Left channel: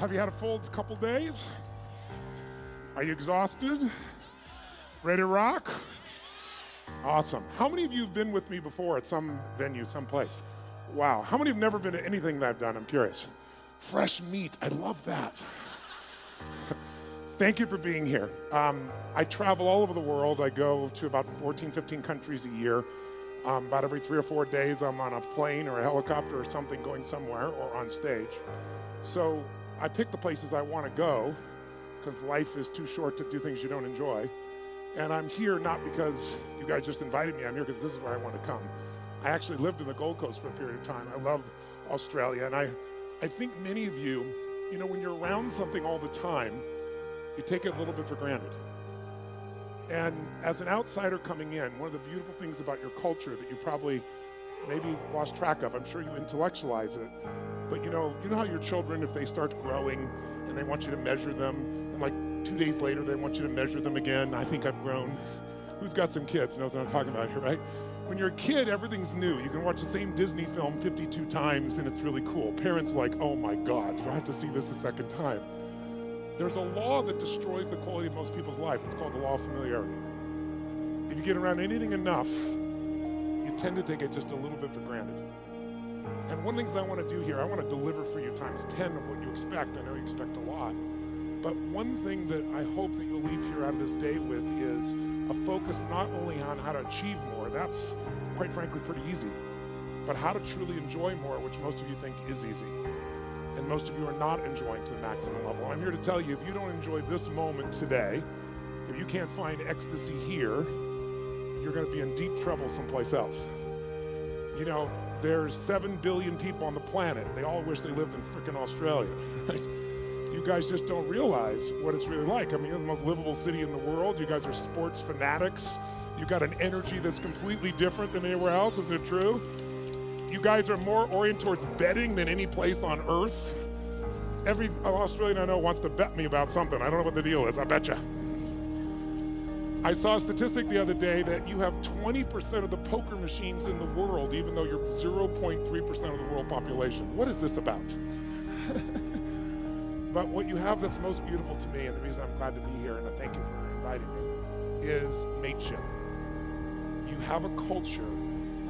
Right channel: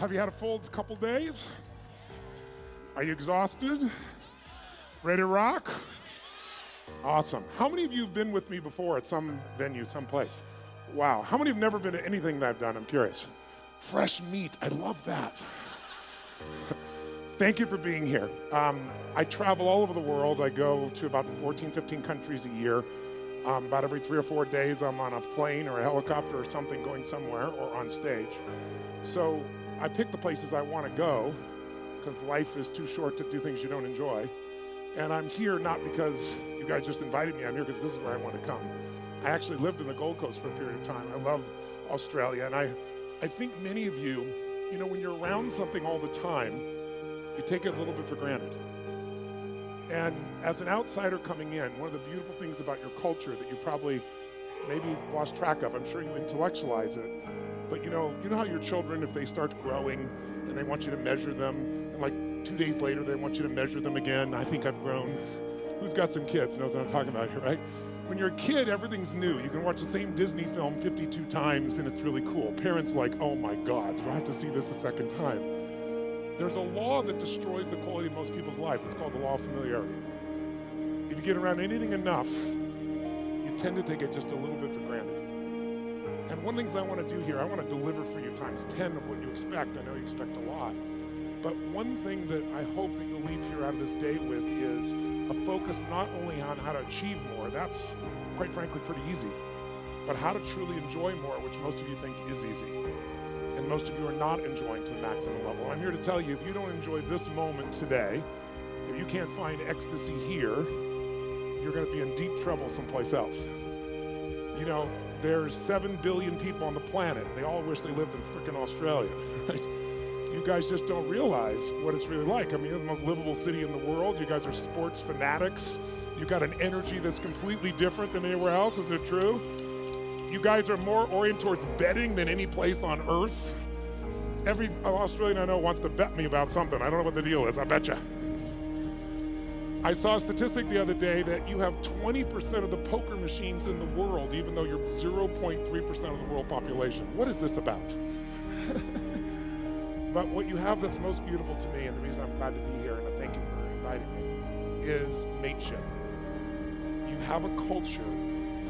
Have you had a full couple days? Are you exhausted? Ready to rock? Awesome. How many of you have been with me before at some venue, someplace? Wow. How many have never been to anything that I've done? I'm curious. Fresh meat. I love that. Thank you for being here. I travel all over the world. I go to about 14, 15 countries a year. About every 3 or 4 days, I'm on a plane or a helicopter or something going somewhere or on stage. So I pick the places I want to go because life is too short to do things you don't enjoy. And I'm here not because you guys just invited me. I'm here because this is where I want to come. I actually lived in the Gold Coast for a period of time. I love Australia. And I think many of you, when you're around something all the time, you take it a little bit for granted. And as an outsider coming in, one of the beautiful things about your culture that you probably maybe lost track of, I'm sure you intellectualize it, but you know how your children, if they start growing and they want you to measure them, and like 2 days later they want you to measure them again, I think I've grown. Who's got some kids knows what I'm talking about here, right? When you're a kid, everything's new. You can watch the same Disney film 52 times and it's really cool. Parents are like, oh my God, do I have to see this a second time? There's a law that destroys the quality of most people's life. It's called the law of familiarity. If you get around anything enough, you tend to take it just a little bit for granted. And one of the things I want to do here, I want to deliver for you times 10 of what you expect. I know you expect a lot. But one thing that I hope that you'll leave here out of this day with is a focus not only on how to achieve more, that's quite frankly pretty easy, but how to truly enjoy more, which most of you think is easy. And most of you are not enjoying to the maximum level. I'm here to tell you, if you don't enjoy this moment today, if you can't find ecstasy here, you're going to be in deep trouble someplace else. There's 7 billion people on the planet. They all wish they lived in frickin' Australia. Right? You guys just don't realize what it's really like. I mean, it's the most livable city in the world. You guys are sports fanatics. You got an energy that's completely different than anywhere else. Is it true? You guys are more oriented towards betting than any place on earth. Every Australian I know wants to bet me about something. I don't know what the deal is. I betcha. I saw a statistic the other day that you have 20% of the poker machines in the world, even though you're 0.3% of the world population. What is this about? But what you have that's most beautiful to me, and the reason I'm glad to be here, and I thank you for inviting me, is mateship. You have a culture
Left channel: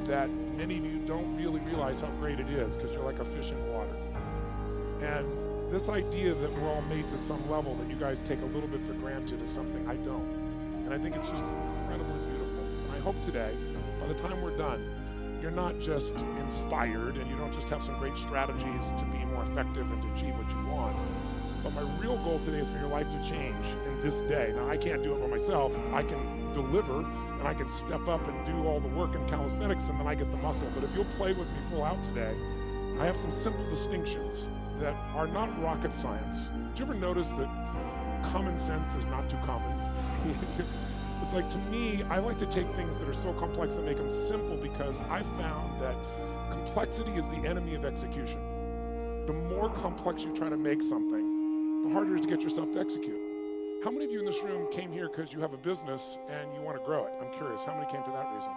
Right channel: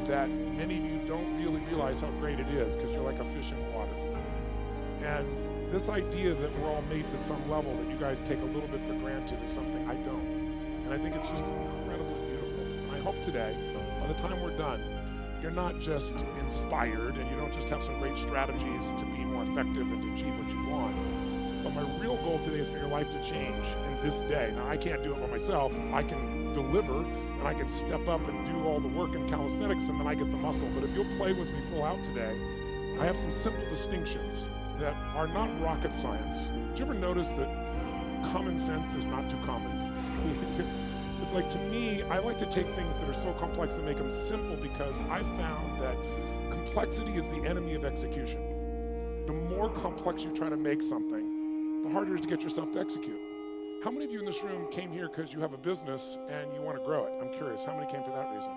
that many of you don't really realize how great it is because you're like a fish in water. And this idea that we're all mates at some level that you guys take a little bit for granted is something I don't. And I think it's just incredibly beautiful. And I hope today, by the time we're done, you're not just inspired and you don't just have some great strategies to be more effective and to achieve what you want. But my real goal today is for your life to change in this day. Now, I can't do it by myself. I can deliver and I can step up and do all the work in calisthenics and then I get the muscle. But if you'll play with me full out today, I have some simple distinctions that are not rocket science. Did you ever notice that common sense is not too common? It's like, to me, I like to take things that are so complex and make them simple because I found that complexity is the enemy of execution. The more complex you try to make something, the harder it is to get yourself to execute. How many of you in this room came here because you have a business and you want to grow it? I'm curious. How many came for that reason?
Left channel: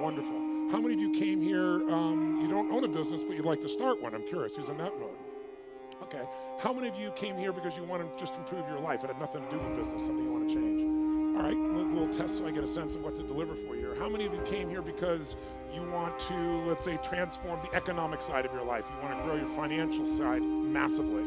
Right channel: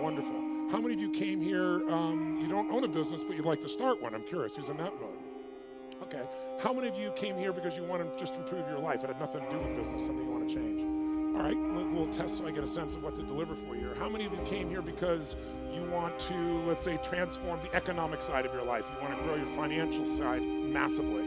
Wonderful. How many of you came here, you don't own a business, but you'd like to start one? I'm curious. Who's in that mode? Okay. How many of you came here because you want to just improve your life? It had nothing to do with business, something you want to change. All right, a little test so I get a sense of what to deliver for you. Or how many of you came here because you want to, let's say, transform the economic side of your life? You want to grow your financial side massively,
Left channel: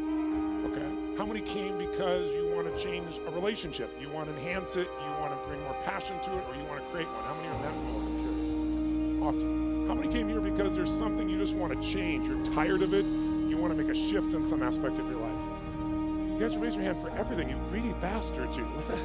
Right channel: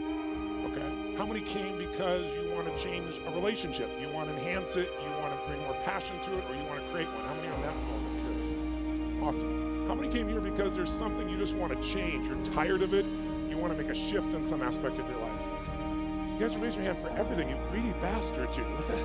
okay? How many came because you want to change a relationship? You want to enhance it, you want to bring more passion to it, or you want to create one? How many are in that mode? I'm curious. Awesome. How many came here because there's something you just want to change? You're tired of it, you want to make a shift in some aspect of your life? You guys are raising your hand for everything, you greedy bastards, you. What the hell?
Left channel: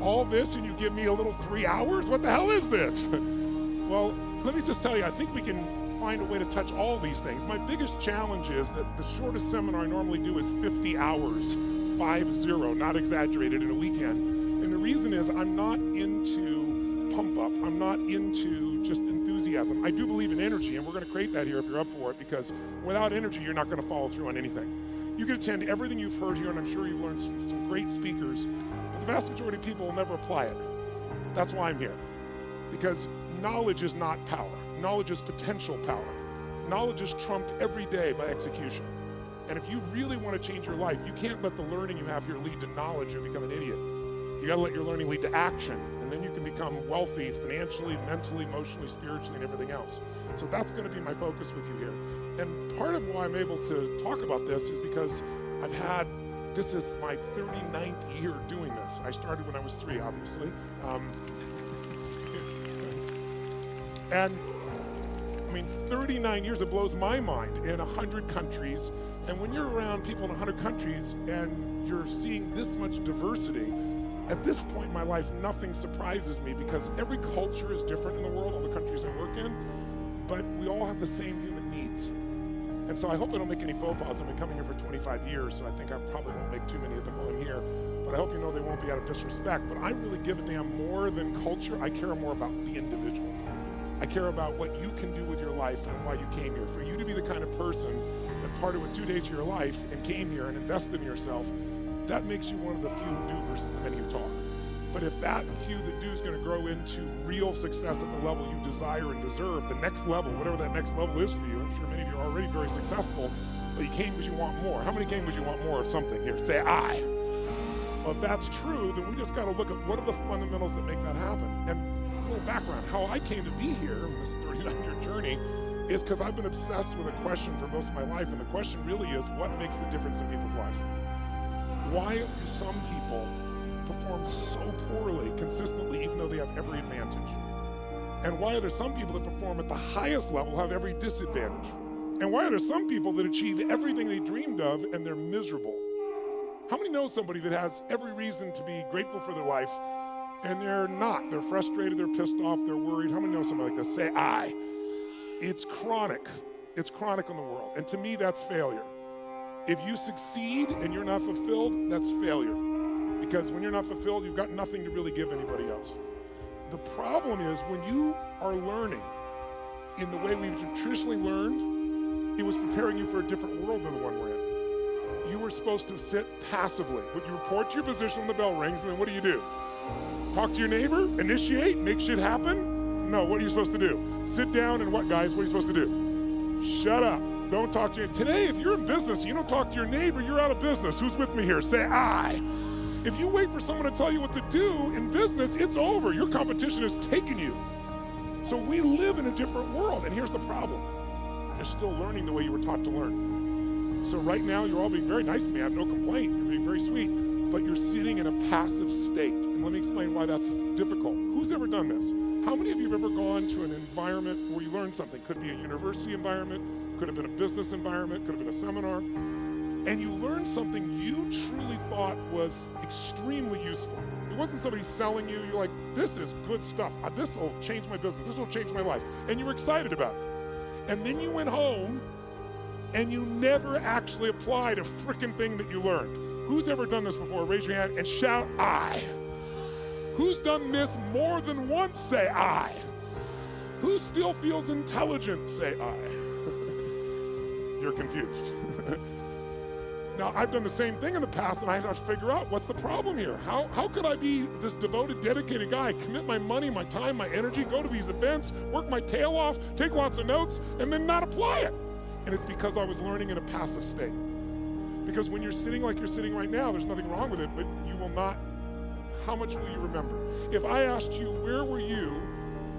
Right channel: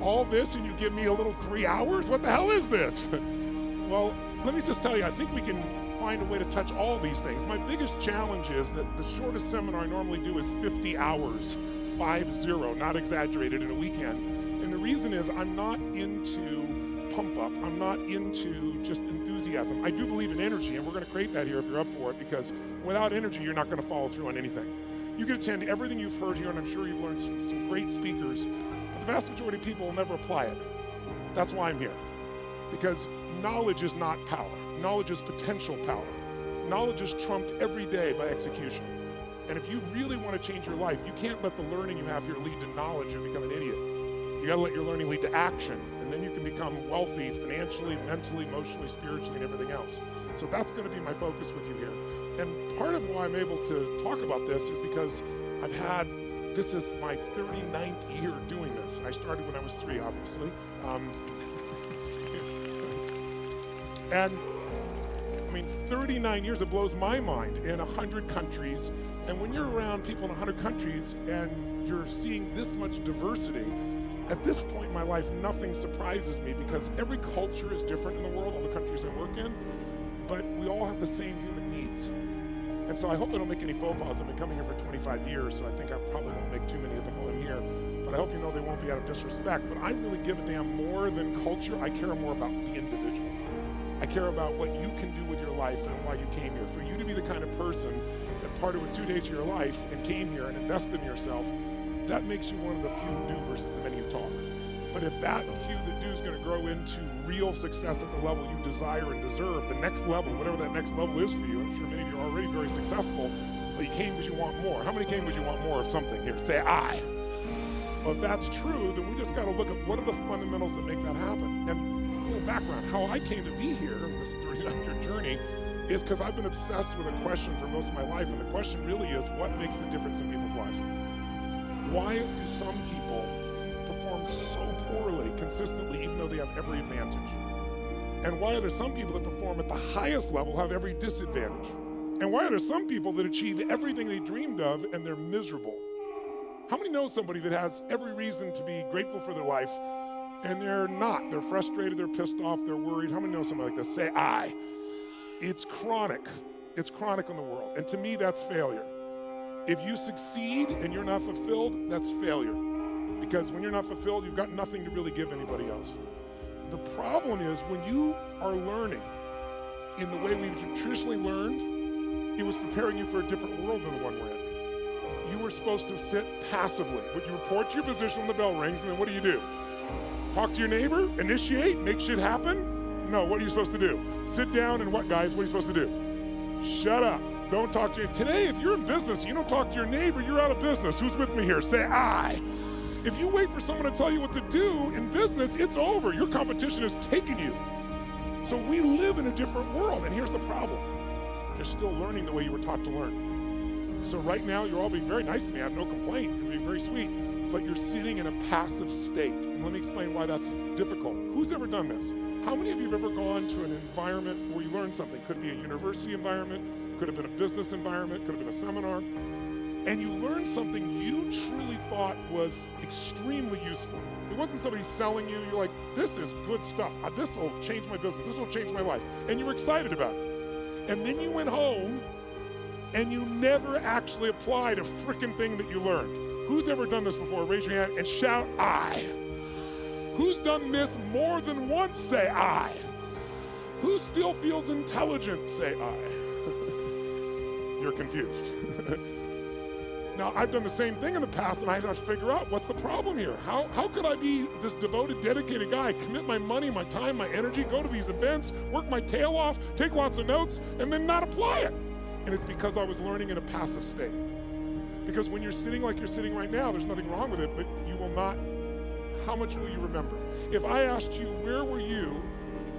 All this and you give me a little 3 hours? What the hell is this? Well, let me just tell you, I think we can find a way to touch all these things. My biggest challenge is that the shortest seminar I normally do is 50 hours, 50, not exaggerated, in a weekend. And the reason is I'm not into pump up. I'm not into just enthusiasm. I do believe in energy, and we're going to create that here if you're up for it, because without energy, you're not going to follow through on anything. You can attend everything you've heard here, and I'm sure you've learned some great speakers, but the vast majority of people will never apply it. That's why I'm here. Because knowledge is not power. Knowledge is potential power. Knowledge is trumped every day by execution. And if you really want to change your life, you can't let the learning you have here lead to knowledge or become an idiot. You got to let your learning lead to action, and then you can become wealthy financially, mentally, emotionally, spiritually, and everything else. So that's going to be my focus with you here. And part of why I'm able to talk about this is because this is my 39th year doing this. I started when I was 3, obviously. And I mean, 39 years, it blows my mind, in 100 countries. And when you're around people in 100 countries and you're seeing this much diversity, at this point in my life, nothing surprises me because every culture is different in the world, all the countries I work in, but we all have the same human needs. And so I hope I don't make any faux pas. I've been coming here for 25 years, so I think I probably won't make too many of them while I'm here. But I hope you know they won't be out of disrespect. But I really give a damn more than culture. I care more about the individual. I care about what you can do with your life and why you came here. For you to be the kind of person that parted with 2 days of your life and came here and invested in yourself, that makes you one of the few who do versus the many who talk. But if that few that do is going to grow into real success at the level you desire and deserve, the next level, whatever that next level is for you, I'm sure many of you are already very successful, but you came because you want more. How many came because you want more of something here? Say I. Well, if that's true, then we just got to look at what are the fundamentals that make that happen. And a little background, how I came to be here in this 39-year journey is because I've been obsessed with a question for most of my life, and the question really is, what makes the difference in people's lives? Why do some people perform so poorly consistently even though they have every advantage? And why are there some people that perform at the highest level have every disadvantage? And why are there some people that achieve everything they dreamed of and they're miserable? How many know somebody that has every reason to be grateful for their life and they're not? They're frustrated, they're pissed off, they're worried. How many know somebody like this? Say I. It's chronic. It's chronic in the world. And to me, that's failure. If you succeed and you're not fulfilled, that's failure. Because when you're not fulfilled, you've got nothing to really give anybody else. The problem is when you are learning in the way we've traditionally learned, it was preparing you for a different world than the one we're in. You were supposed to sit passively. But you report to your position when the bell rings, and then what do? Talk to your neighbor, initiate, make shit happen? No, what are you supposed to do? Sit down and what, guys? What are you supposed to do? Shut up. Don't talk to you. Today, if you're in business, you don't talk to your neighbor, you're out of business. Who's with me here? Say I. If you wait for someone to tell you what to do in business, it's over. Your competition has taken you. So we live in a different world, and here's the problem. You're still learning the way you were taught to learn. So right now, you're all being very nice to me. I have no complaint. You're being very sweet, but you're sitting in a passive state. And let me explain why that's difficult. Who's ever done this? How many of you have ever gone to an environment where you learned something? Could be a university environment, could have been a business environment, could have been a seminar, and you learned something you truly thought was extremely useful. It wasn't somebody selling you. You're like, this is good stuff. This will change my business. This will change my life. And you were excited about it. And then you went home and you never actually applied a frickin' thing that you learned. Who's ever done this before? Raise your hand and shout, I. Who's done this more than once? Say, I. Who still feels intelligent? Say, I. You're confused. Now, I've done the same thing in the past, and I have to figure out what's the problem here. How could I be this devoted, dedicated guy, commit my money, my time, my energy, go to these events, work my tail off, take lots of notes, and then not apply it? And it's because I was learning in a passive state. Because when you're sitting like you're sitting right now, there's nothing wrong with it, but you will not, how much will you remember? If I asked you, where were you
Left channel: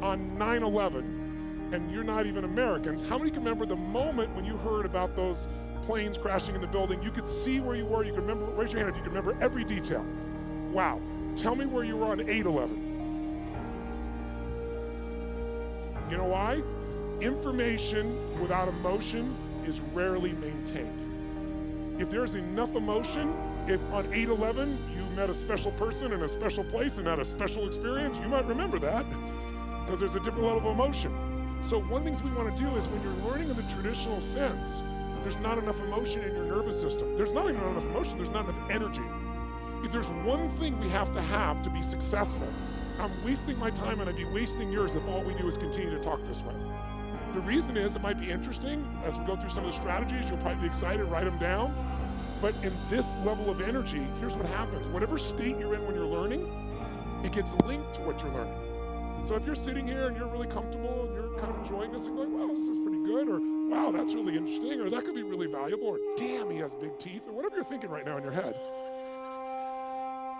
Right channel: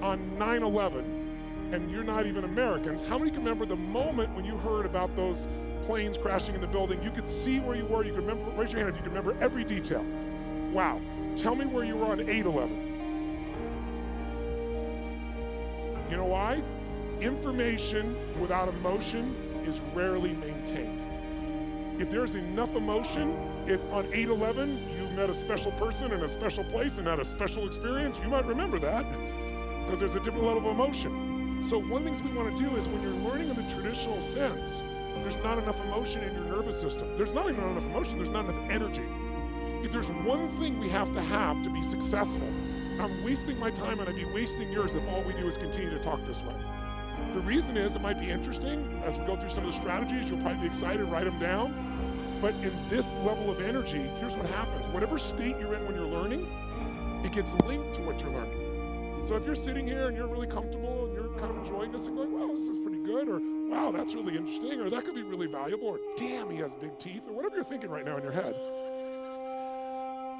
on 9/11, and you're not even Americans, how many can remember the moment when you heard about those planes crashing in the building? You could see where you were, you could remember, raise your hand if you could remember every detail. Wow. Tell me where you were on 8/11. You know why? Information without emotion is rarely maintained. If there's enough emotion, if on 8/11 you met a special person in a special place and had a special experience, you might remember that because there's a different level of emotion. So one of the things we want to do is when you're learning in the traditional sense, there's not enough emotion in your nervous system. There's not even enough emotion, there's not enough energy. If there's one thing we have to be successful, I'm wasting my time and I'd be wasting yours if all we do is continue to talk this way. The reason is it might be interesting. As we go through some of the strategies, you'll probably be excited, write them down. But in this level of energy, here's what happens. Whatever state you're in when you're learning, it gets linked to what you're learning. So if you're sitting here and you're really comfortable and you're kind of enjoying this and going, well, this is pretty good, or wow, that's really interesting, or that could be really valuable, or damn, he has big teeth, or whatever you're thinking right now in your head.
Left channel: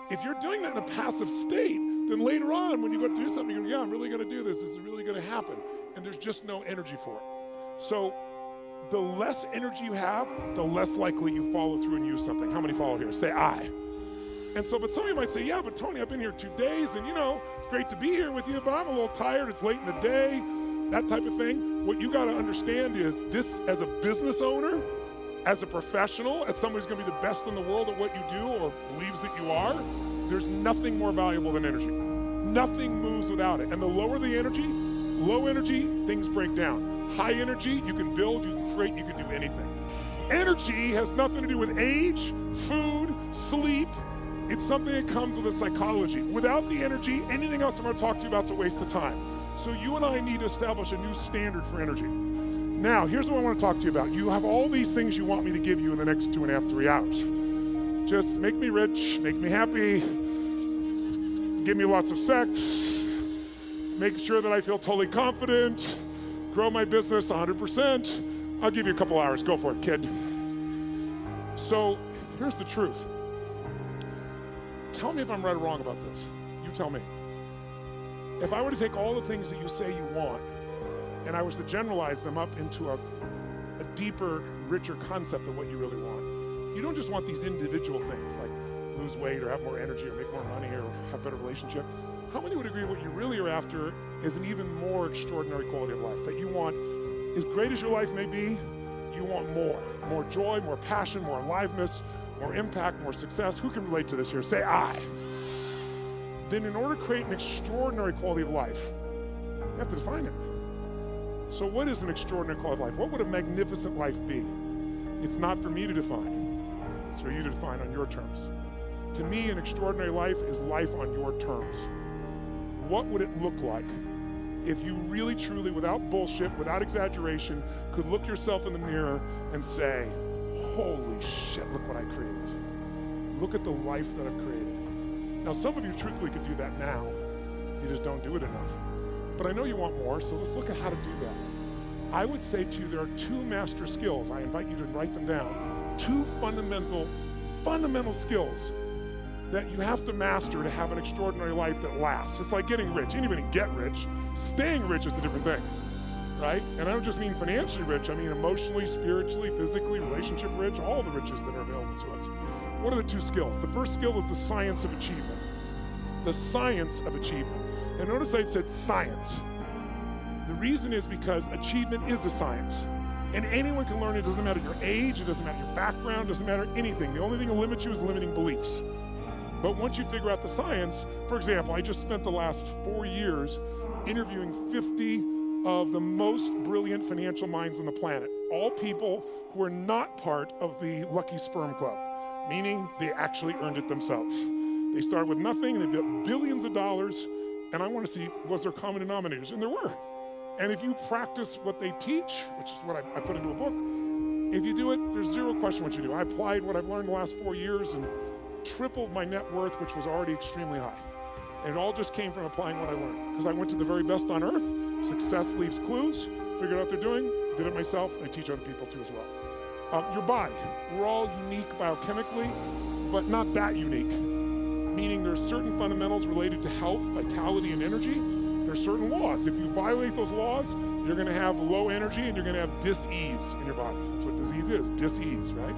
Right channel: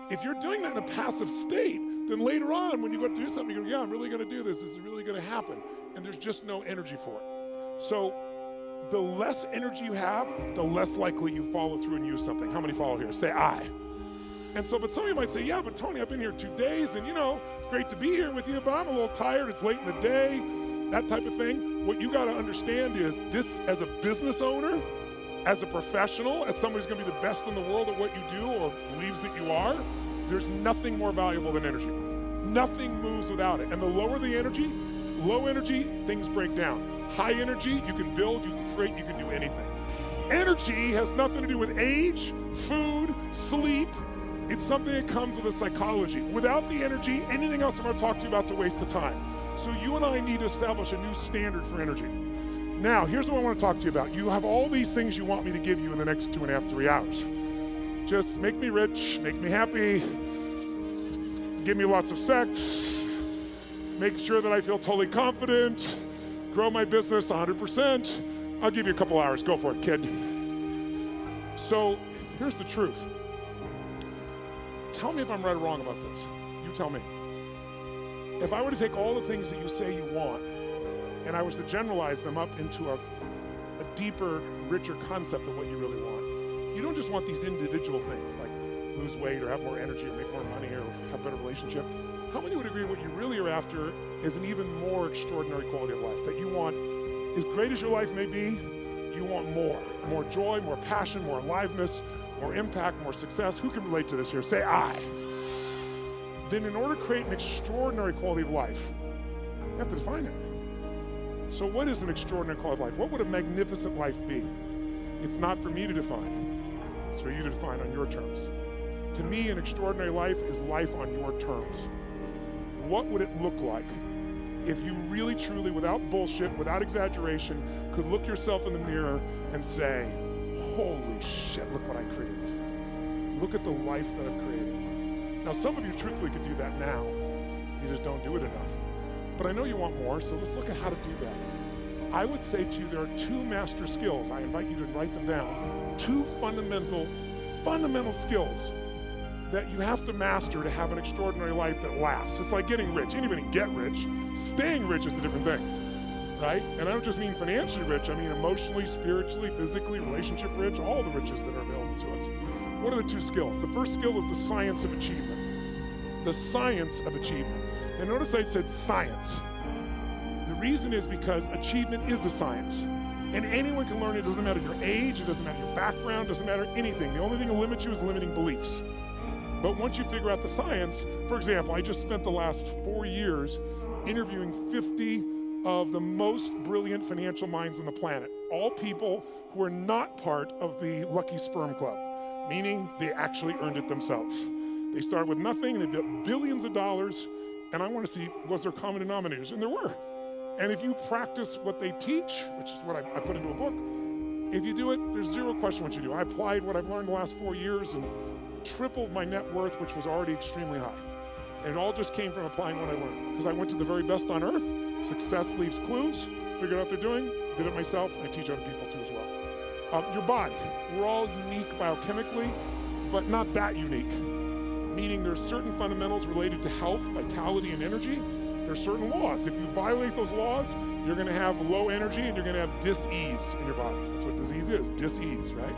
If you're doing that in a passive state, then later on when you go to do something, you go, yeah, I'm really gonna do this. This is really gonna happen. And there's just no energy for it. So the less energy you have, the less likely you follow through and use something. How many follow here? Say I. And so, but some of you might say, yeah, but Tony, I've been here 2 days and it's great to be here with you, but I'm a little tired. It's late in the day, that type of thing. What you gotta understand is this, as a business owner, as a professional, as somebody who's gonna be the best in the world at what you do or believes that you are, there's nothing more valuable than energy. Nothing moves without it. And the lower the energy, low energy, things break down. High energy, you can build, you can create, you can do anything. Energy has nothing to do with age, food, sleep. It's something that comes with a psychology. Without the energy, anything else I'm gonna talk to you about is a waste of time. So you and I need to establish a new standard for energy. Now, here's what I want to talk to you about. You have all these things you want me to give you in the next 2.5, 3 hours. Just make me rich, make me happy, give me lots of sex, make sure that I feel totally confident, grow my business 100%. I'll give you a couple hours, go for it, kid. So here's the truth. Tell me if I'm right or wrong about this. You tell me. If I were to take all the things that you say you want, and I was to generalize them up into a deeper, richer concept of what you really want, you don't just want these individual things like lose weight or have more energy or make more money or have a better relationship. How many would agree what you really are after is an even more extraordinary quality of life? That you want, as great as your life may be, you want more. More joy, more passion, more aliveness, more impact, more success. Who can relate to this here? Say I. Then in order to create an extraordinary quality of life, you have to define it. So what is an extraordinary quality of life? What would a magnificent life be? It's not for me to define. It's for you to define on your terms. To me, an extraordinary life is life on your terms. What would it look like if you really, truly, without bullshit, without exaggeration, could look yourself in the mirror and say, holy shit, look what I created. Look at the life that I've created. Now, some of you truthfully could do that now. You just don't do it enough. But I know you want more, so let's look at how to do that. I would say to you, there are 2 master skills. I invite you to write them down. 2 fundamental skills that you have to master to have an extraordinary life that lasts. It's like getting rich. Anybody can get rich. Staying rich is a different thing, right? And I don't just mean financially rich. I mean emotionally, spiritually, physically, relationship rich, all the riches that are available to us. What are the 2 skills? The first skill is the science of achievement. The science of achievement. And notice I said science. The reason is because achievement is a science. And anyone can learn it. It doesn't matter your age, it doesn't matter your background, it doesn't matter anything. The only thing that limits you is limiting beliefs. But once you figure out the science, for example, I just spent the last 4 years interviewing 50 of the most brilliant financial minds on the planet. All people who are not part of the Lucky Sperm Club, meaning they actually earned it themselves. They started with nothing, and they built billions of dollars, and I want to see, was there common denominators? And there were. And if you practice what they teach, which is what I put into a book, if you do it, there's zero question what you do. I applied what I've learned the last 4 years and tripled my net worth, which was already extremely high. And it all just came from applying what I learned. Because I went to the very best on earth, success leaves clues, figured out what they're doing, did it myself, and I teach other people too as well. Your body, we're all unique biochemically, but not that unique. Meaning there's certain fundamentals related to health, vitality, and energy. There's certain laws. If you violate those laws, you're gonna have low energy and you're gonna have dis-ease in your body. That's what disease is, dis-ease, right?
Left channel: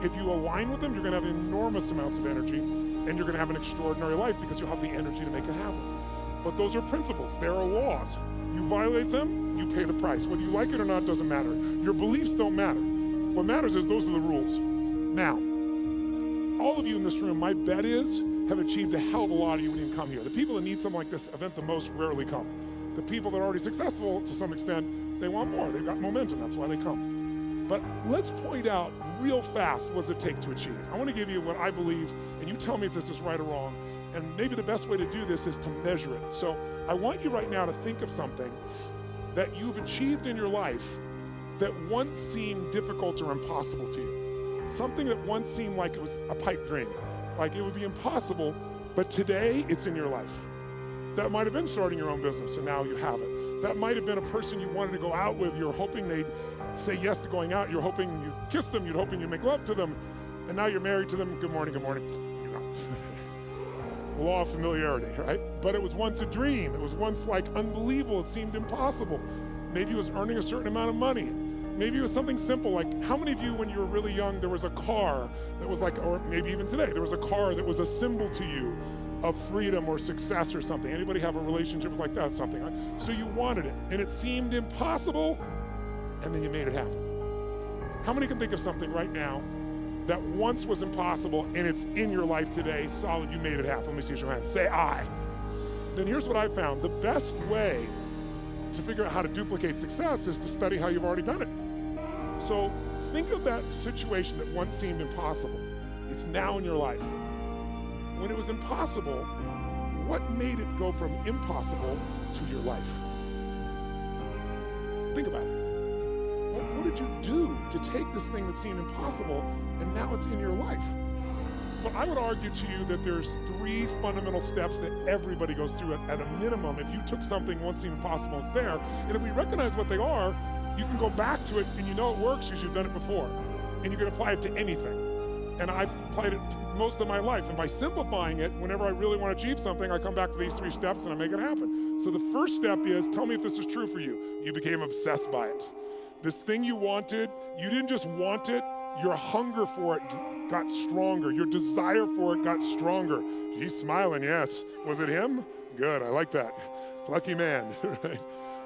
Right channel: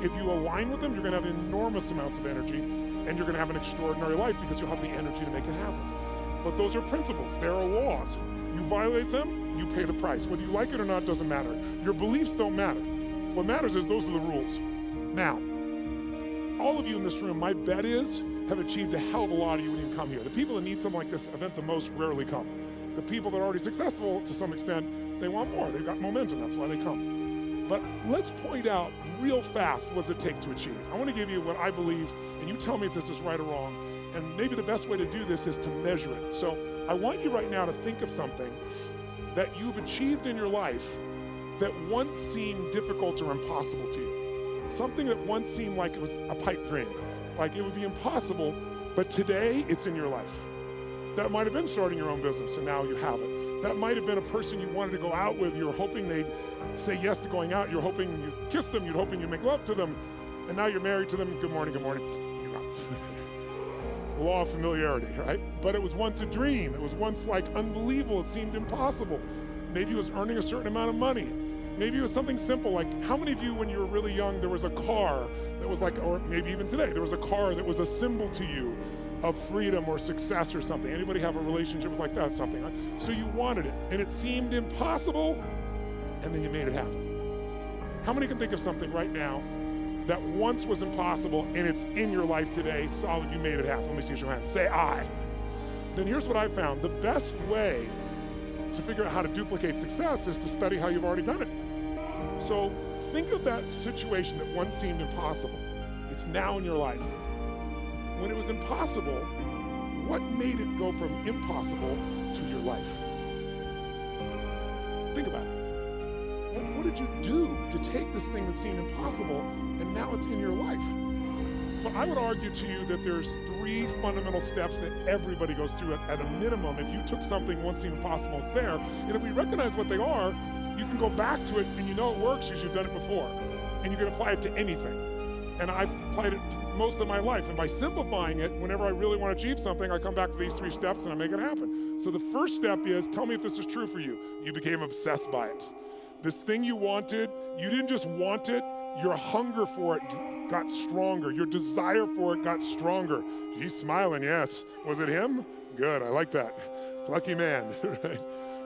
If you align with them, you're gonna have enormous amounts of energy and you're gonna have an extraordinary life because you'll have the energy to make it happen. But those are principles, there are laws. You violate them, you pay the price. Whether you like it or not doesn't matter. Your beliefs don't matter. What matters is those are the rules. Now, all of you in this room, my bet is, have achieved a hell of a lot of you when you come here. The people that need something like this event the most rarely come. The people that are already successful, to some extent, they want more. They've got momentum, that's why they come. But let's point out real fast what does it take to achieve. I want to give you what I believe, and you tell me if this is right or wrong, and maybe the best way to do this is to measure it. So I want you right now to think of something that you've achieved in your life that once seemed difficult or impossible to you. Something that once seemed like it was a pipe dream, like it would be impossible, but today it's in your life. That might have been starting your own business and now you have it. That might have been a person you wanted to go out with, you're hoping they'd say yes to going out. You're hoping you kiss them. You're hoping you make love to them. And now you're married to them. Good morning, good morning. You're not. Law of familiarity, right? But it was once a dream. It was once like unbelievable. It seemed impossible. Maybe it was earning a certain amount of money. Maybe it was something simple, like how many of you when you were really young, there was a car that was like, or maybe even today, there was a car that was a symbol to you of freedom or success or something. Anybody have a relationship like that, something, right? So you wanted it, and it seemed impossible, and then you made it happen. How many can think of something right now that once was impossible, and it's in your life today, solid, you made it happen? Let me see your hands. Say, I. Then here's what I found. The best way to figure out how to duplicate success is to study how you've already done it. So think of that situation that once seemed impossible. It's now in your life. When it was impossible, what made it go from impossible to your life? Think about it. What did you do to take this thing that seemed impossible and now it's in your life? But I would argue to you that there's 3 fundamental steps that everybody goes through at a minimum. If you took something once seemed impossible, it's there. And if we recognize what they are, you can go back to it and you know it works because you've done it before. And you can apply it to anything. And I've applied it most of my life. And by simplifying it, whenever I really want to achieve something, I come back to these 3 steps and I make it happen. So the first step is, tell me if this is true for you. You became obsessed by it. This thing you wanted, you didn't just want it, your hunger for it got stronger. Your desire for it got stronger. He's smiling, yes. Was it him? Good, I like that. Lucky man, right?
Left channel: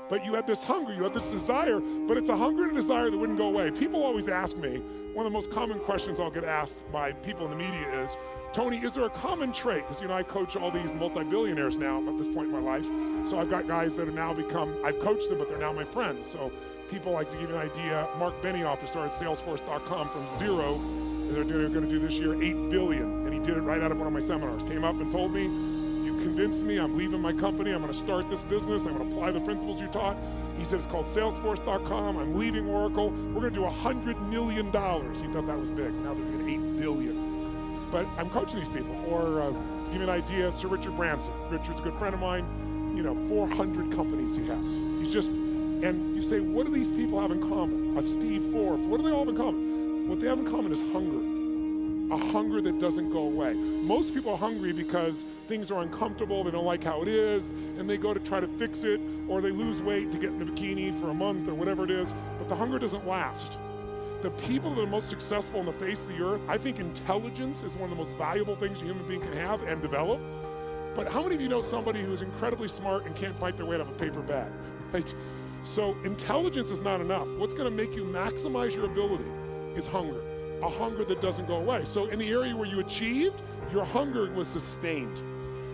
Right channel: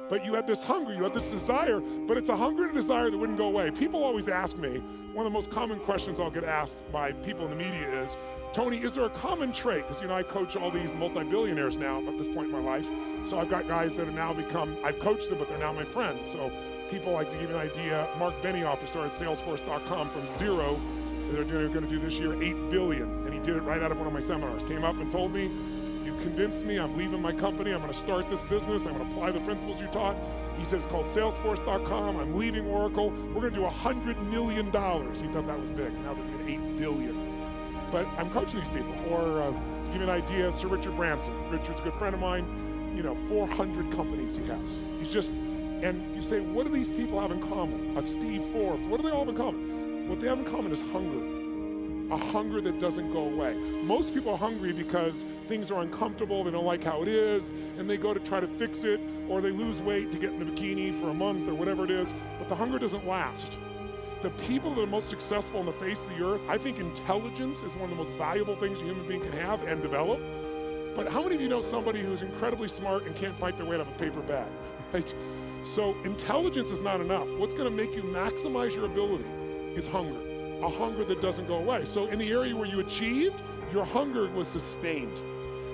But you had this hunger, you had this desire, but it's a hunger and a desire that wouldn't go away. People always ask me, one of the most common questions I'll get asked by people in the media is, Tony, is there a common trait? Because I coach all these multi-billionaires now at this point in my life. So I've got guys that have now become, I've coached them, but they're now my friends. So people, like to give you an idea, Mark Benioff, who started Salesforce.com from 0, and they're going to do this year $8 billion. And he did it right out of one of my seminars. Came up and told me, you convinced me, I'm leaving my company, I'm going to start this business, I'm going to apply the principles you taught. He said, it's called Salesforce.com, I'm leaving Oracle, we're going to do $100 million. He thought that was big, now they're doing $8 billion. But I'm coaching these people. Or to give you an idea, Sir Richard Branson. Richard's a good friend of mine, 400 companies he has. He's just, and you say, what do these people have in common? A Steve Forbes, what do they all have in common? What they have in common is hunger. A hunger that doesn't go away. Most people are hungry because things are uncomfortable, they don't like how it is, and they go to try to fix it, or they lose weight to get in a bikini for a month or whatever it is, but the hunger doesn't last. The people that are most successful on the face of the earth, I think intelligence is one of the most valuable things a human being can have and develop. But how many of you know somebody who's incredibly smart and can't fight their way out of a paper bag, right? So intelligence is not enough. What's gonna make you maximize your ability is hunger. A hunger that doesn't go away. So in the area where you achieved, your hunger was sustained.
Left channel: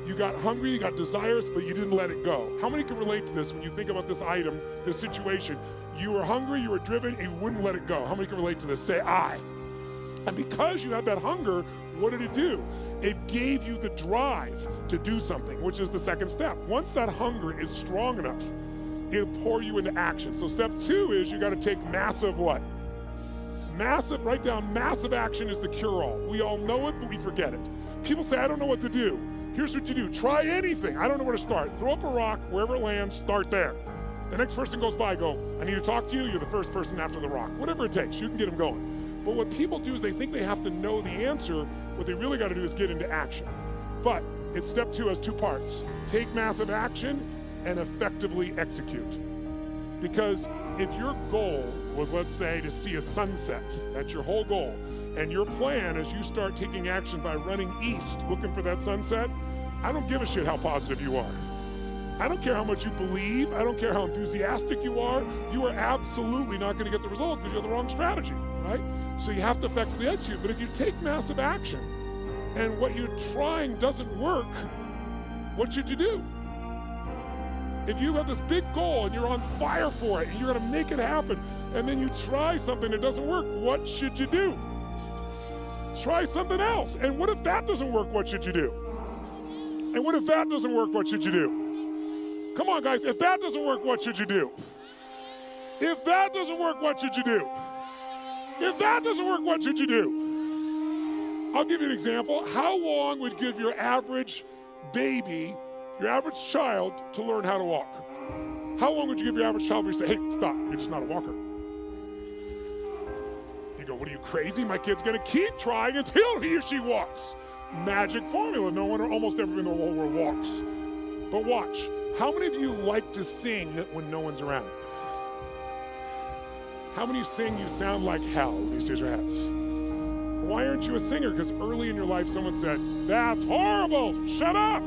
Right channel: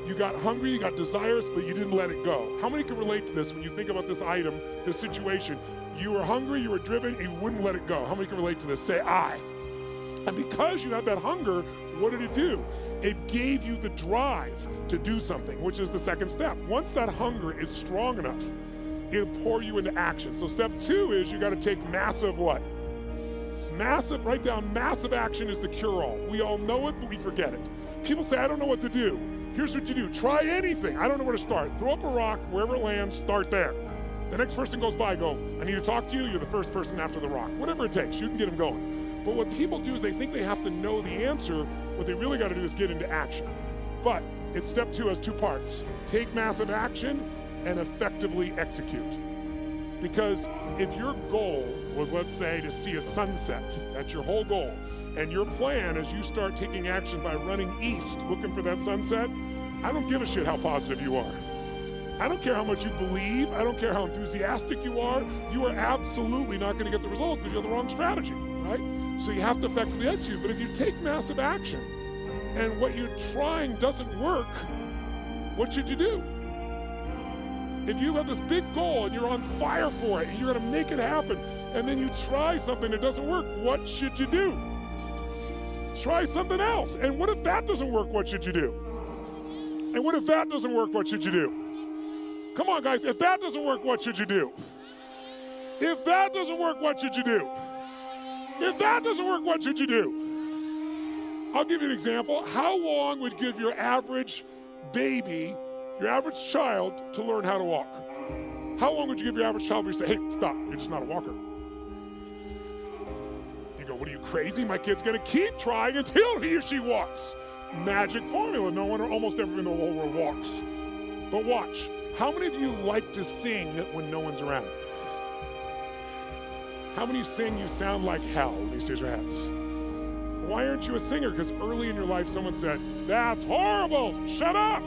You got hungry, you got desirous, but you didn't let it go. How many can relate to this when you think about this item, this situation? You were hungry, you were driven, and you wouldn't let it go. How many can relate to this? Say, I. And because you had that hunger, what did it do? It gave you the drive to do something, which is the second step. Once that hunger is strong enough, it'll pour you into action. So step 2 is you gotta take massive what? Massive, write down, massive action is the cure-all. We all know it, but we forget it. People say, I don't know what to do. Here's what you do. Try anything. I don't know where to start. Throw up a rock, wherever it lands, start there. The next person goes by, go, I need to talk to you. You're the first person after the rock. Whatever it takes, you can get them going. But what people do is they think they have to know the answer. What they really got to do is get into action. But it's step 2 has 2 parts. Take massive action and effectively execute. Because if your goal was, let's say, to see a sunset, that's your whole goal, and your plan is you start taking action by running east, looking for that sunset, I don't give a shit how positive you are. I don't care how much you believe, I don't care how enthusiastic you are absolutely not gonna get the result because you have the wrong strategy, right? So you have to effectively execute, but if you take massive action and what you're trying doesn't work, what should you do? If you have this big goal and you're on fire for it and you're gonna make it happen, and then you try something that doesn't work, what should you do? Try something else. And what if that doesn't work, what should you do? And what if that doesn't work, what should you do? Come on, guys, if that doesn't work, what should you do? If that doesn't work, what should you do? If that doesn't work, what should you do? I'll give you an example. How long would you give your average baby, your average child, to learn how to walk? How long would you give your average child before you say, hey, stop, you're just not a walker? You go, what are you, crazy? My kid's gonna keep trying until he or she walks. Magic formula. No one or almost everyone in the whole world walks. But watch. How many of you like to sing when no one's around? How many sing you sound like hell? Let me see your hands. Why aren't you a singer? Because early in your life someone said, that's horrible, shut up.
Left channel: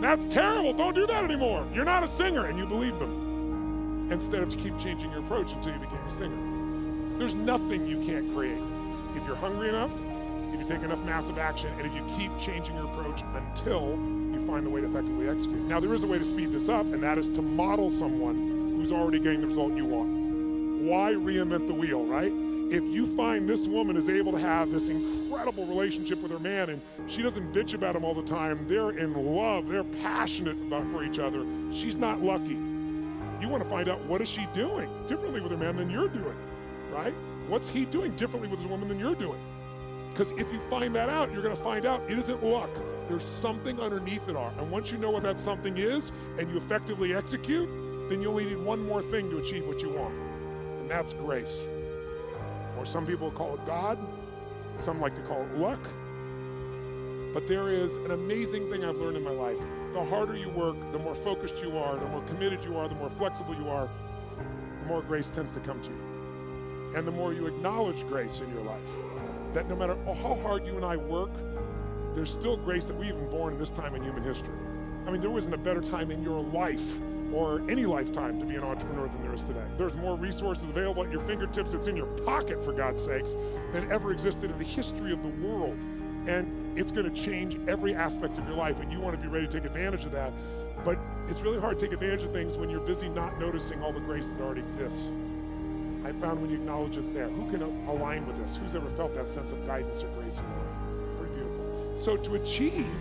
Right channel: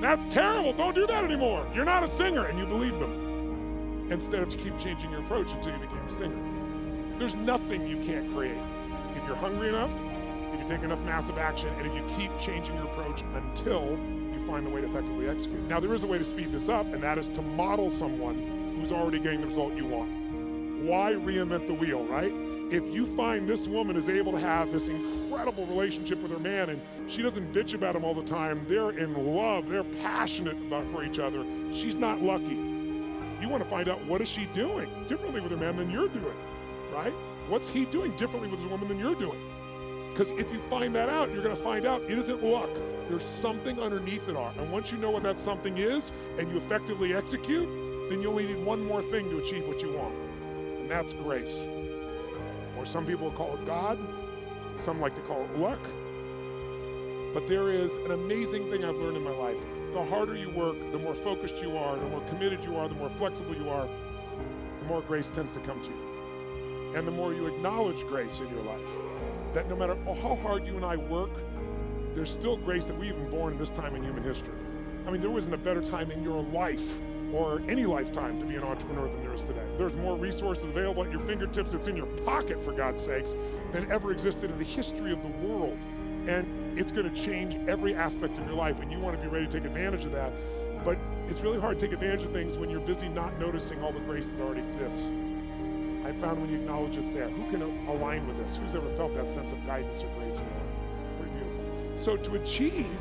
That's terrible, don't do that anymore. You're not a singer, and you believe them. Instead of to keep changing your approach until you became a singer. There's nothing you can't create. If you're hungry enough, if you take enough massive action, and if you keep changing your approach until you find the way to effectively execute. Now there is a way to speed this up, and that is to model someone who's already getting the result you want. Why reinvent the wheel, right? If you find this woman is able to have this incredible relationship with her man and she doesn't bitch about him all the time, they're in love, they're passionate for each other, she's not lucky. You want to find out, what is she doing differently with her man than you're doing, right? What's he doing differently with his woman than you're doing? Because if you find that out, you're going to find out it isn't luck. There's something underneath it all. And once you know what that something is and you effectively execute, then you only need one more thing to achieve what you want. And that's grace. Or some people call it God. Some like to call it luck. But there is an amazing thing I've learned in my life. The harder you work, the more focused you are, the more committed you are, the more flexible you are, the more grace tends to come to you. And the more you acknowledge grace in your life. That no matter how hard you and I work, there's still grace that we've been born in this time in human history. I mean, there wasn't a better time in your life or any lifetime to be an entrepreneur than there is today. There's more resources available at your fingertips, it's in your pocket for God's sakes, than ever existed in the history of the world. And it's gonna change every aspect of your life, and you wanna be ready to take advantage of that. But it's really hard to take advantage of things when you're busy not noticing all the grace that already exists. I found when you acknowledge it's there. Who can align with this? Who's ever felt that sense of guidance or grace in your life? Pretty beautiful. So to achieve,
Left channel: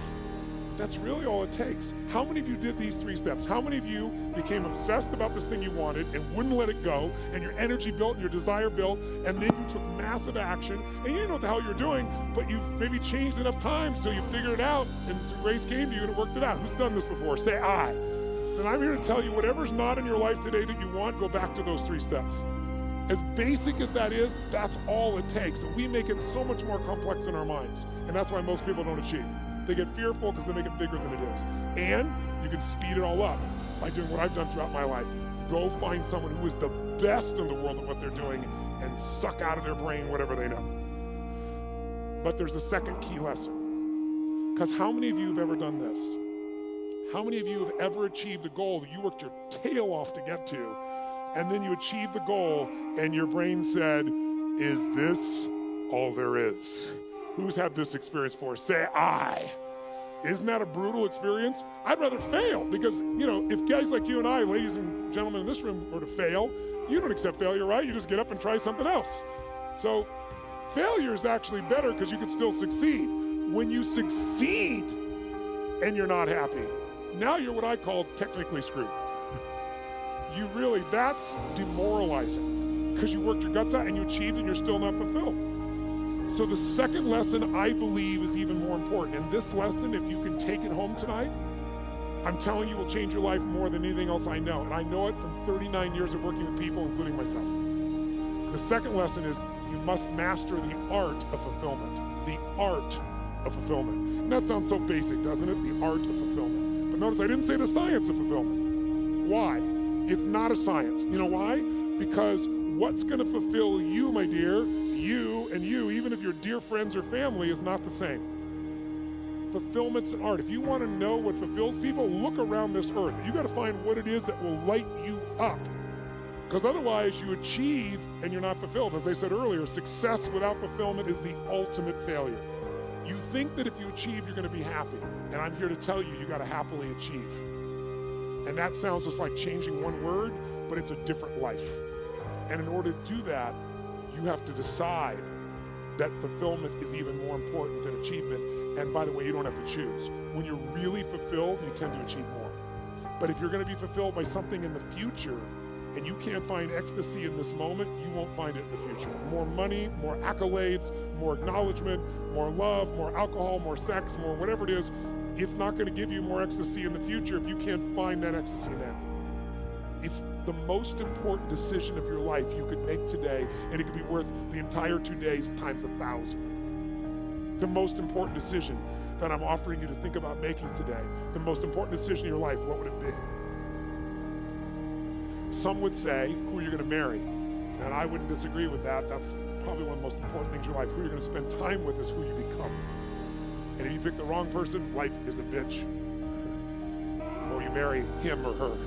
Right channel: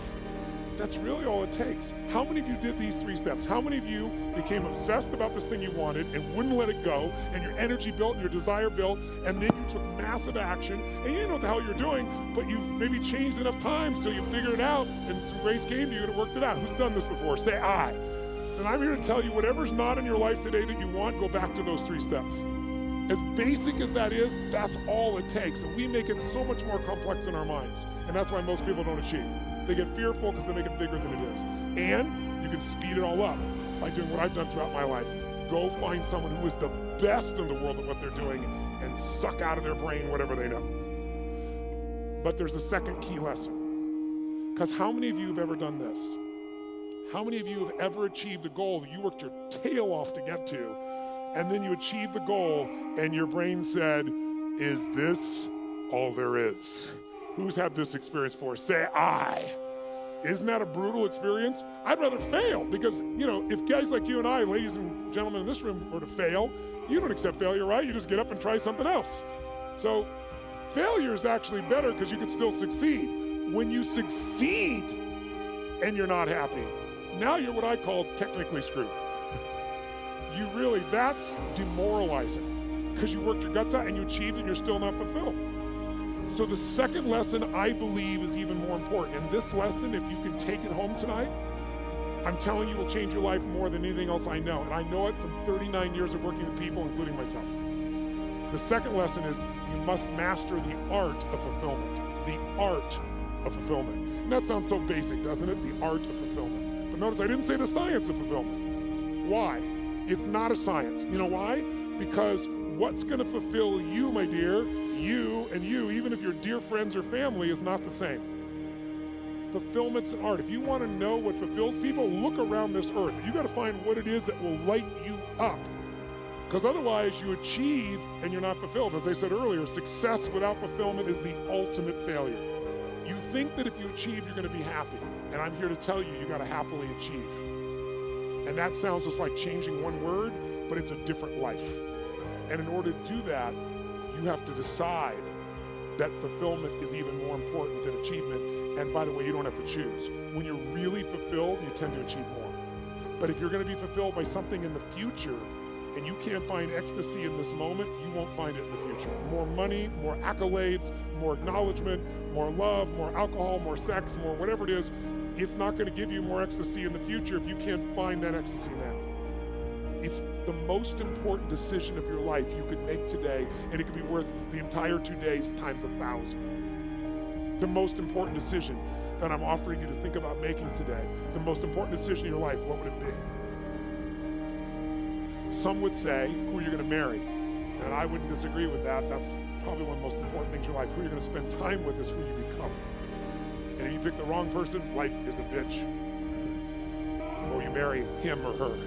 that's really all it takes. How many of you did these 3 steps? How many of you became obsessed about this thing you wanted and wouldn't let it go, and your energy built and your desire built, and then you took massive action, and you didn't know what the hell you're doing, but you've maybe changed enough times till you figured it out, and some grace came to you and it worked it out. Who's done this before? Say I. Then I'm here to tell you, whatever's not in your life today that you want, go back to those 3 steps. As basic as that is, that's all it takes. And we make it so much more complex in our minds. And that's why most people don't achieve. They get fearful because they make it bigger than it is. And you can speed it all up by doing what I've done throughout my life. Go find someone who is the best in the world at what they're doing and suck out of their brain whatever they know. But there's a second key lesson. Because how many of you have ever done this? How many of you have ever achieved a goal that you worked your tail off to get to, and then you achieved the goal and your brain said, is this all there is? Who's had this experience before? Say I. Isn't that a brutal experience? I'd rather fail because, if guys like you and I, ladies and gentlemen in this room, were to fail, you don't accept failure, right? You just get up and try something else. So failure is actually better because you could still succeed. When you succeed and you're not happy, now you're what I call technically screwed. That's demoralizing because you worked your guts out and you achieved and you're still not fulfilled. So the second lesson I believe is even more important. And this lesson, if you can take it home tonight, I'm telling you will change your life more than anything else I know. And I know it from 39 years of working with people, including myself. The second lesson is you must master the art of fulfillment. The art of fulfillment. And that sounds so basic, doesn't it? The art of fulfillment. But notice I didn't say the science of fulfillment. Why? It's not a science. You know why? Because what's going to fulfill you, my dear, you and you, even if you're dear friends or family, is not the same. Fulfillment's an art. If you want to know what fulfills people, look around this earth. You got to find what it is that will light you up. Because otherwise you achieve and you're not fulfilled. As I said earlier, success without fulfillment is the ultimate failure. You think that if you achieve, you're going to be happy. And I'm here to tell you, you got to happily achieve. And that sounds just like changing one word, but it's a different life. And in order to do that, you have to decide that fulfillment is even more important than achievement. And by the way, you don't have to choose. When you're really fulfilled, you tend to achieve more. But if you're going to be fulfilled by something in the future, and you can't find ecstasy in this moment, you won't find it in the future. More money, more accolades, more acknowledgement, more love, more alcohol, more sex, more whatever it is, it's not going to give you more ecstasy in the future if you can't find that ecstasy now. It's the most important decision of your life you could make today, and it could be worth the entire 2 days times 1,000. The most important decision that I'm offering you to think about making today, the most important decision in your life, what would it be? Some would say, who you're gonna marry. And I wouldn't disagree with that. That's probably one of the most important things in your life. Who you're gonna spend time with is who you become. And if you pick the wrong person, life is a bitch. Or you marry him or her,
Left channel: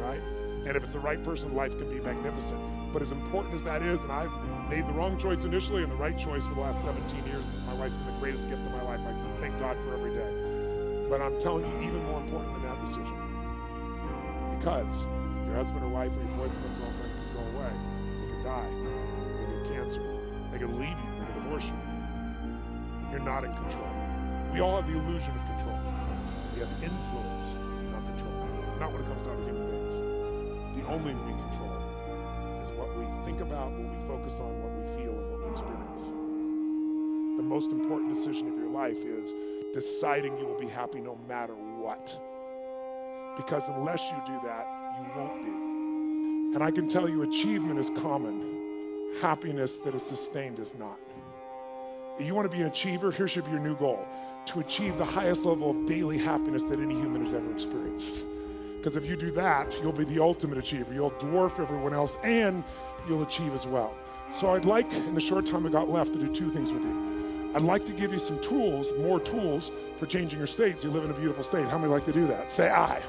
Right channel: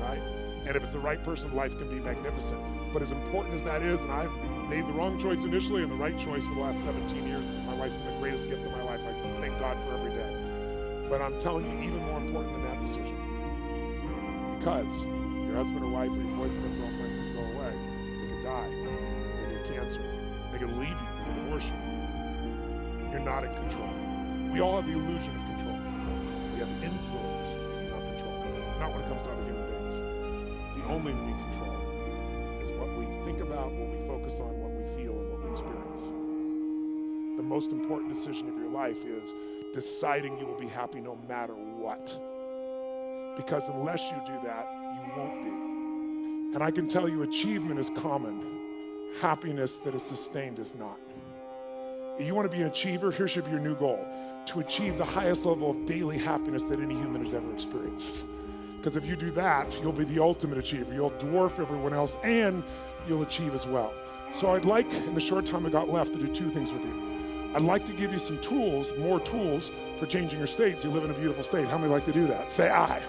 right? And if it's the right person, life can be magnificent. But as important as that is, and I've made the wrong choice initially and the right choice for the last 17 years, my wife's been the greatest gift of my life. I thank God for every day. But I'm telling you, even more important than that decision. Because your husband or wife or your boyfriend or girlfriend could go away. They could die. They could get cancer. They could leave you. They could divorce you. You're not in control. We all have the illusion of control. We have influence, not control. Not when it comes to other human beings. The only thing we control is what we think about, what we focus on, what we feel, and what we experience. The most important decision of your life is deciding you will be happy no matter what. Because unless you do that, you won't be. And I can tell you, achievement is common. Happiness that is sustained is not. If you want to be an achiever, here should be your new goal: to achieve the highest level of daily happiness that any human has ever experienced. Because if you do that, you'll be the ultimate achiever. You'll dwarf everyone else, and you'll achieve as well. So I'd like, in the short time I got left, to do two things with you. I'd like to give you some tools, more tools, for changing your states. You live in a beautiful state. How many like to do that? Say aye.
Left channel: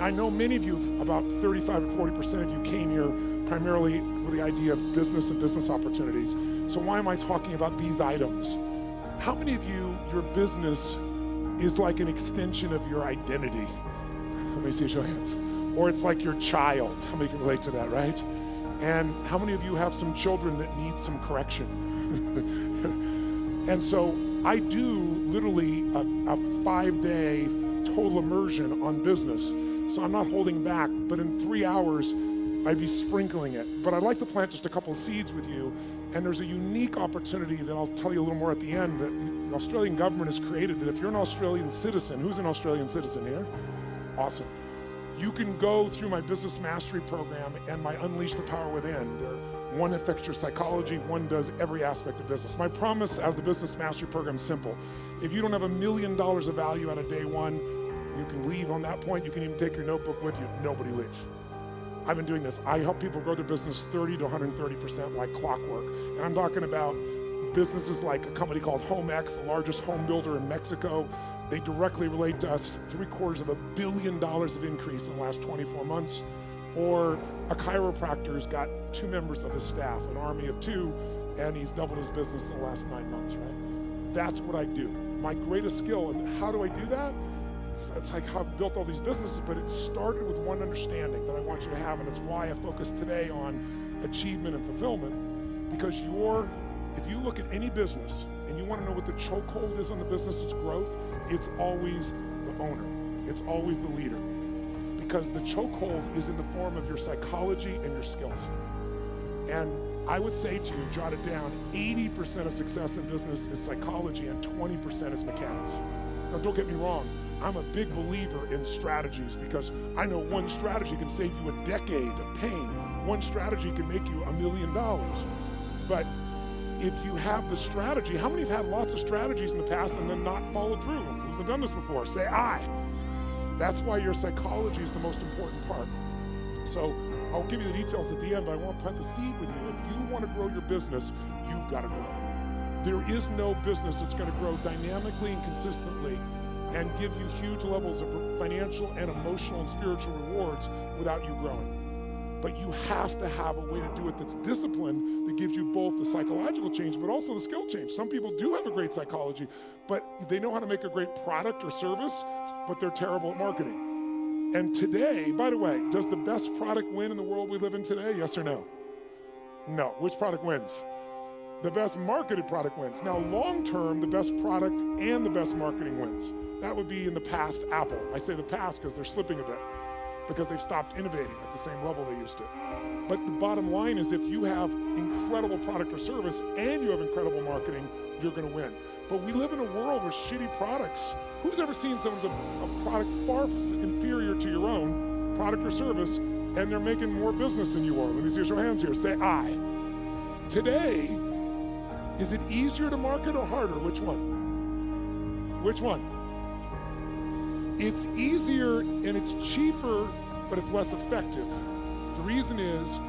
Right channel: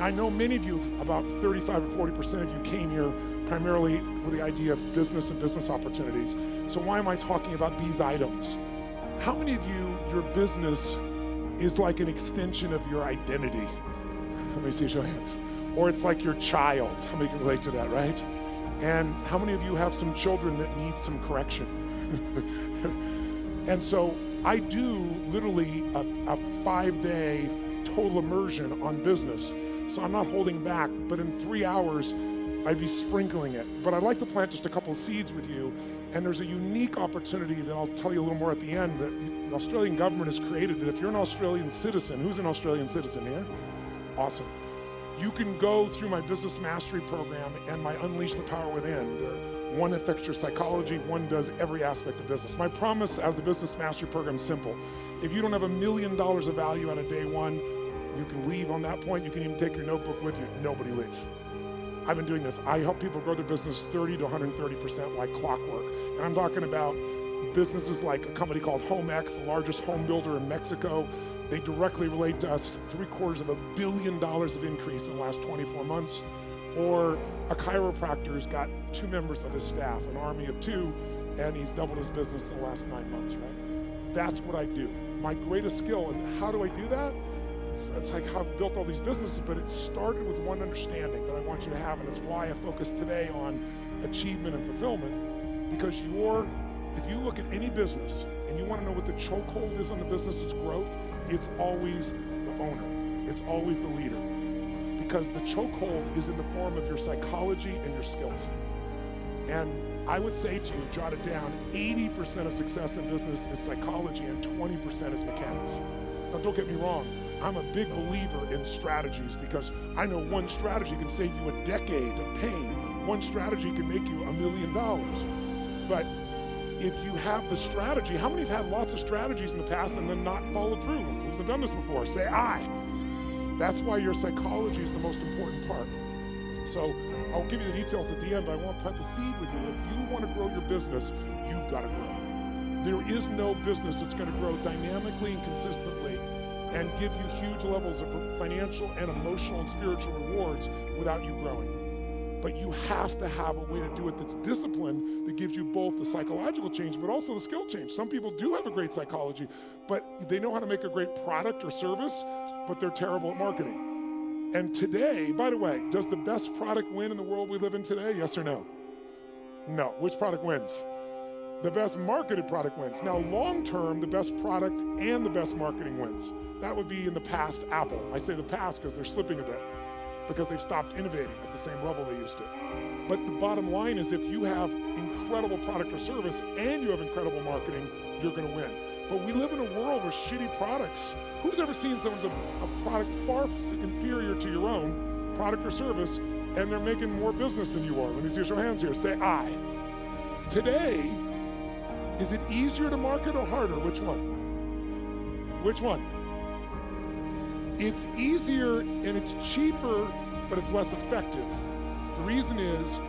I know many of you, about 35 or 40% of you, came here primarily with the idea of business and business opportunities. So why am I talking about these items? How many of you, your business is like an extension of your identity? Let me see a show of hands. Or it's like your child. How many can relate to that, right? And how many of you have some children that need some correction? And so I do literally a 5-day total immersion on business. So I'm not holding back, but in 3 hours, I'd be sprinkling it. But I'd like to plant just a couple of seeds with you. And there's a unique opportunity that I'll tell you a little more at the end that the Australian government has created, that if you're an Australian citizen, who's an Australian citizen here? Awesome. You can go through my business mastery program and my Unleash the Power Within. One affects your psychology, one does every aspect of business. My promise out of the business mastery program is simple. If you don't have $1 million of value out of day one, you can leave on that point. You can even take your notebook with you. Nobody leaves. I've been doing this. I help people grow their business 30 to 130% like clockwork. And I'm talking about businesses like a company called HomeX, the largest home builder in Mexico. They directly relate to us. $750 million of increase in the last 24 months. Or a chiropractor's got 2 members of his staff, an army of 2, and he's doubled his business in the last 9 months, right? That's what I do. My greatest skill. And how do I do that? It's like how I've built all these businesses, but it started with one understanding that I want you to have, and it's why I focus today on achievement and fulfillment. Because if you look at any business and you want to know what the chokehold is on the business's growth, it's always the owner. It's always the leader. Because the chokehold is in the form of your psychology and your skills. And I would say to you, jot it down, 80% of success in business is psychology and 20% is mechanics. Now, don't get me wrong. I'm a big believer in strategies because I know one strategy can save you a decade of pain. One strategy can make you $1 million. But if you have the strategy, how many have had lots of strategies in the past and then not followed through? Who's done this before? Say aye. That's why your psychology is the most important part. So I'll give you the details at the end, but I want to plant the seed with you. If you want to grow your business, you've got to grow. There is no business that's going to grow dynamically and consistently and give you huge levels of financial and emotional and spiritual rewards without you growing. But you have to have a way to do it that's disciplined, that gives you both the psychological change, but also the skill change. Some people do have a great psychology, but they know how to make a great product or service, but they're terrible at marketing. And today, by the way, does the best product win in the world we live in today? Yes or no? No. Which product wins? The best marketed product wins. Now, long term, the best product and the best marketing wins. That would be in the past Apple. I say the past because they're slipping a bit, because they've stopped innovating at the same level they used to. But the bottom line is, if you have incredible product or service and you have incredible marketing, you're going to win. But we live in a world with shitty products. Who's ever seen someone's a product far inferior to your own product or service and they're making more business than you are. Let me see a show of hands here. Say I. Today, is it easier to market or harder? Which one? Which one? It's easier and it's cheaper, but it's less effective. The reason is,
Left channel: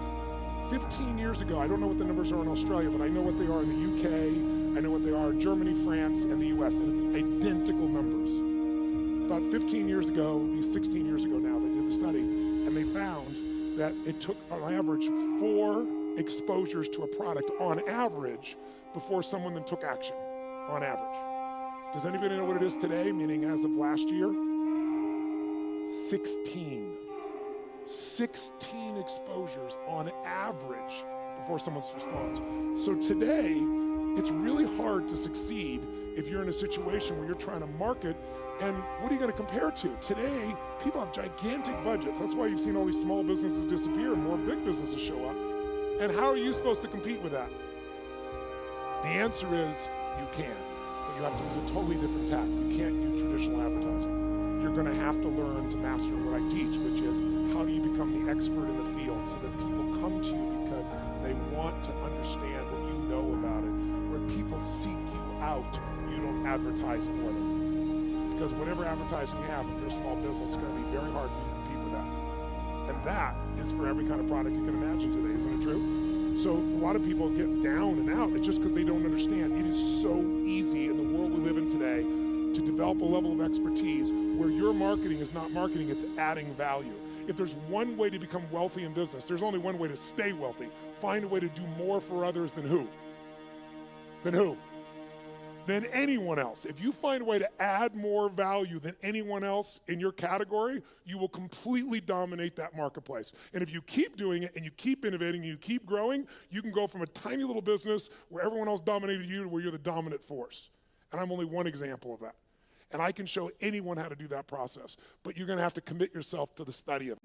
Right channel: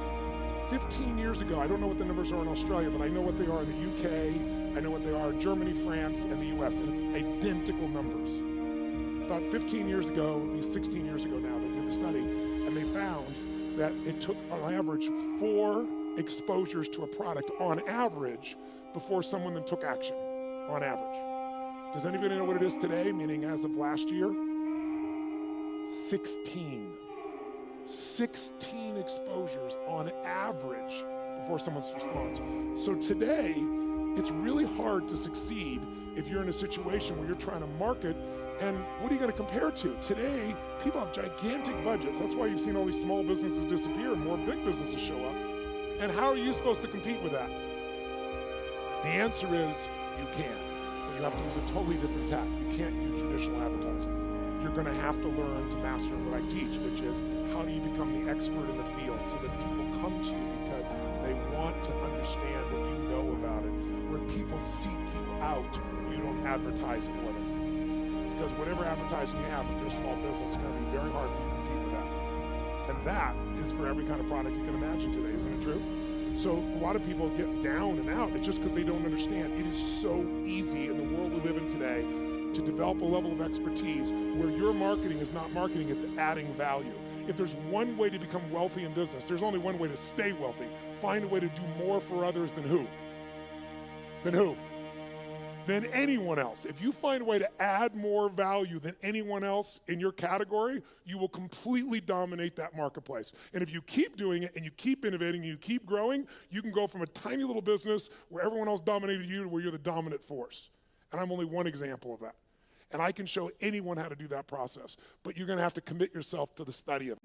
15 years ago, I don't know what the numbers are in Australia, but I know what they are in the UK, I know what they are in Germany, France, and the US, and it's identical numbers. About 15 years ago, it would be 16 years ago now, they did the study, and they found that it took, on average, 4 exposures to a product on average before someone then took action, on average. Does anybody know what it is today, meaning as of last year? 16. 16 exposures on average before someone responds. So today, it's really hard to succeed if you're in a situation where you're trying to market, and what are you going to compare to? Today, people have gigantic budgets. That's why you've seen all these small businesses disappear and more big businesses show up. And how are you supposed to compete with that? The answer is you can, but you have to use a totally different tack. You can't use traditional advertising. You're going to have to learn to master what I teach, which is how do you become the expert in the field so that people come to you because they want to understand what you know about it. When people seek you out, you don't advertise for them. Because whatever advertising you have, if you're a small business, it's going to be very hard for you to compete with that. And that is for every kind of product you can imagine today, isn't it true? So a lot of people get down and out. It's just because they don't understand. It is so easy in the world we live in today to develop a level of expertise where your marketing is not marketing, it's adding value. If there's one way to become wealthy in business, there's only one way to stay wealthy. Find a way to do more for others than who? Than who? Than anyone else. If you find a way to add more value than anyone else in your category, you will completely dominate that marketplace. And if you keep doing it and you keep innovating and you keep growing, you can go from a tiny little business where everyone else dominated you to where you're the dominant force. And I'm only one example of that. And I can show anyone how to do that process, but you're going to have to commit yourself to the study of it.